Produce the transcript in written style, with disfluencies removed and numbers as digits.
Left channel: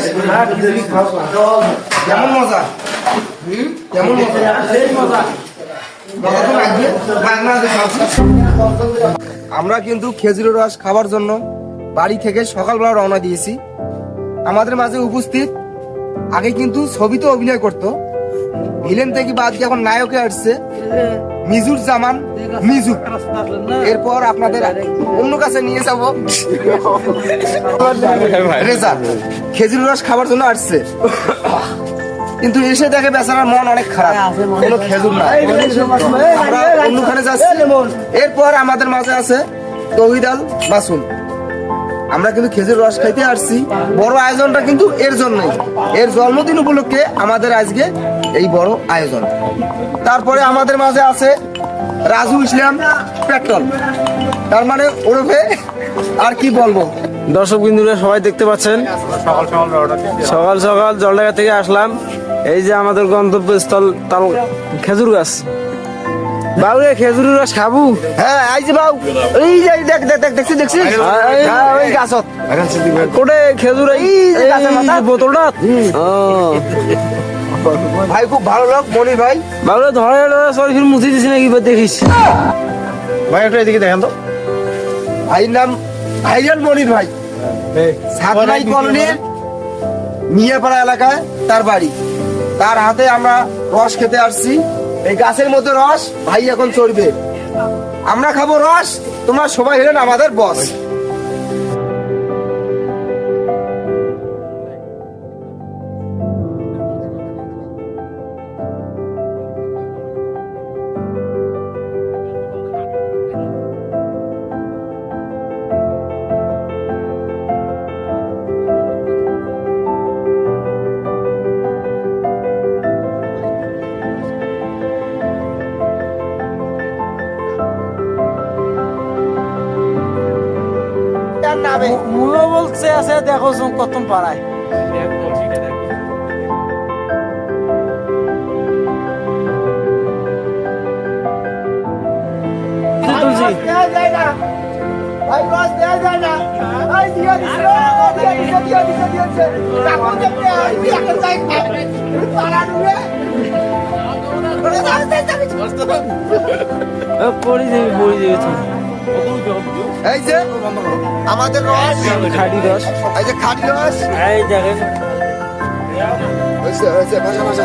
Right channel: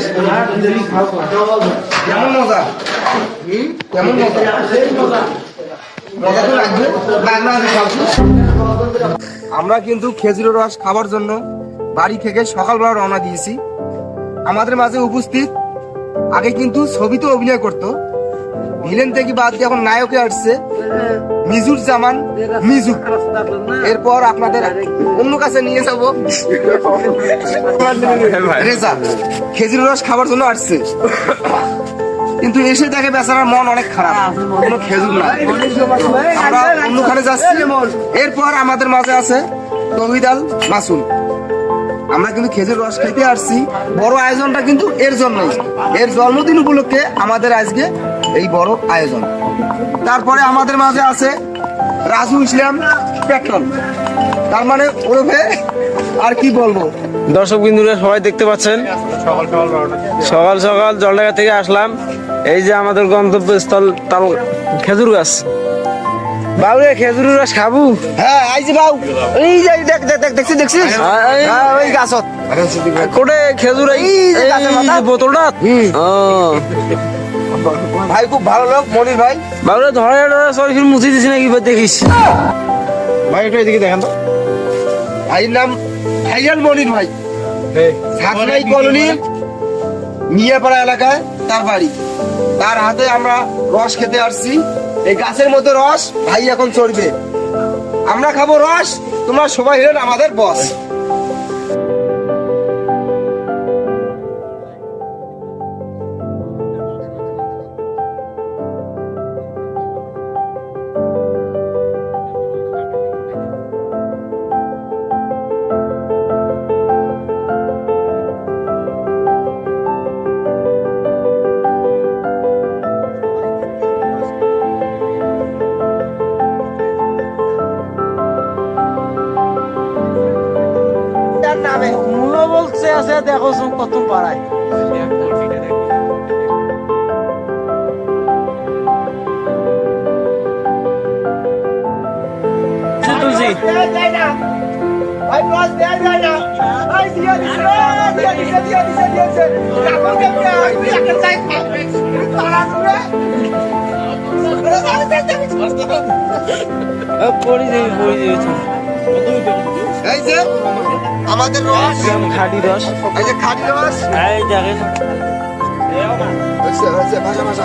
খাইছিস? খিচুড়ি খাও কেমন মজা? কেমন মজা? মজা তো লাগবে। আমরা কিন্তু খেজুরের রস খাবার জন্য বাড়ি থেকে সকালবেলা রওনা দিয়েছি। আমাদের মাঝে উপস্থিত আগে কিন্তু ছবিতে অভিনয় করতো, ভিলেন থেকে বাদ দিয়ে এখন নায়কে আসছে মিজুর জামান মিজু। এরপর আপনাদের অন্য কাছে নিয়ে যাবো রেজা, খেজুর রস খাবার জন্য আসছে, কিন্তু এসে দেখে বেচারার মন অনেক খারাপ, কোনো খেজুর নাই। আমরা অন্যখানে যাচ্ছি। এরপর আমাদের মাঝে আছে তৌহিদ আল মাসুম। আমরা কিন্তু খেজুর রস খাইতে আসছি। বড় আয়োজনটা কিন্তু এর জন্যই, এর জন্মদিন উপলক্ষে আমাদের আজকে এই বড় আয়োজন। তারপরে আমাদের মাঝে আছে রাজু ইসলাম পেট্রোল, তার মানে ওরফে আর কি বলবো। দর্শক বিন্দুরা সবাই দেখতে পাচ্ছেন, সকাল সকাল জলডাঙ্গা থেকে আসলাম। এই যে আমাদের গন্তব্যস্থল তাল খেজুর গাছ। বাবু খেজুর রস খাবো? হ্যাঁ এই যে বাবু, এই যে দেখছিস ওই গাছত কোটে খেজুর, এই বোতলটা। ভাই খুব ভালো লোক মনির ভাই। বাবু ধরে সরি মুছি দিছি নাকি দেখিস ভাই, একটা এদিকে দেখেন তো। ভাইয়ের নাম ভাইয়ান মনির ভাই, সাতনাই কলোনির মিয়াপাড়া এলাকায় তার বাড়ি। তার হাতে আমরা রস খেতে আসছি। এই গাছের মধ্যে রস ভাই এখন চড়বে, আমরা খাবো রস, তোমরা সবাই হলেন আমাদের বস। মূল্য বলছে আছে, দেখো কত পাড়ায়। এই যে আমাদের রস, খাঁটি রস, এই যে খাঁটি রস, এই দেখেন হয়েছে ভাষা